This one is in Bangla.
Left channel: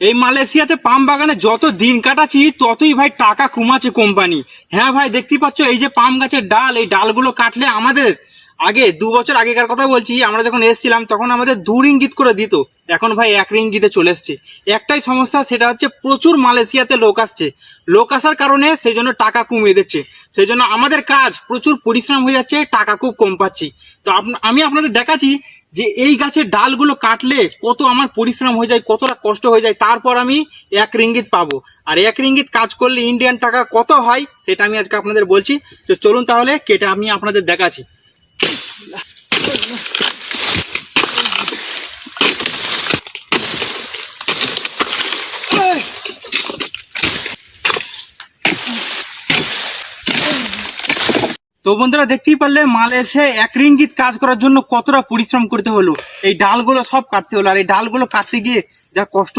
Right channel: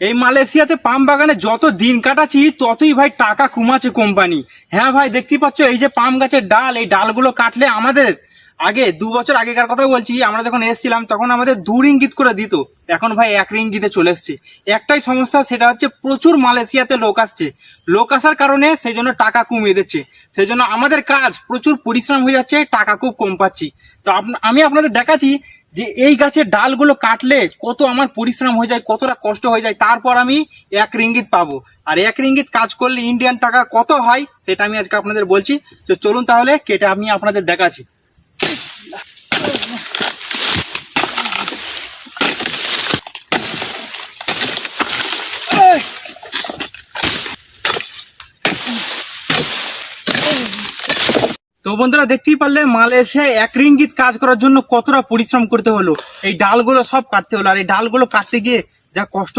এই মালয়েশিয়াতে পাম বাগানে যত দিন কাটাচ্ছি ততই ভাই টাকা কমাচ্ছে কোম্পানি। হ্যাঁ ভাই, দেখতেই পাচ্ছ এই যে পাম গাছের ডাল, এই ডালগুলো কাটলে আমাদের আগে 2 বছর আগেকার কথা বলছি, আমরা যখন এসেছিলাম তখন আমাদের 2 রিঙ্গিত করে দিত, এখন ভাই 1 রিঙ্গিতে চলে এসছে। একটাই সমস্যা, সেটা হচ্ছে প্রচুর মালয়েশিয়াতে লোক আসছে, লোক আসার কারণে সেই জন্য টাকা কমিয়ে দিচ্ছে, সেই জন্য আমাদের কাজ প্রচুর পরিশ্রম হয়ে যাচ্ছে, টাকা খুব কম পাচ্ছি। তো আমি আপনাদের দেখাচ্ছি যে এই গাছের ডালগুলো কাটলে কত আমার পরিশ্রম হয়ে যায়, কতটা কষ্ট হয়ে যায়, তারপর আমি 1 রিঙ্গিত পাবো। আর 1 রিঙ্গিত কাজ করলে ইন্ডিয়ান টাকা কত হয় সেটা আমি আজকে আপনাদের বলছি। তো চলুন তাহলে কেটে আমি আপনাদের দেখাচ্ছি। তো বন্ধুরা, দেখতেই পারলে মালয়েশিয়ায় 1 রিঙ্গিত কাজ করার জন্য কতটা পরিশ্রম করতে হলো, এই ডালগুলো সব কাটতে হলো। আর এই ডালগুলো কাটতে গিয়ে যা কষ্ট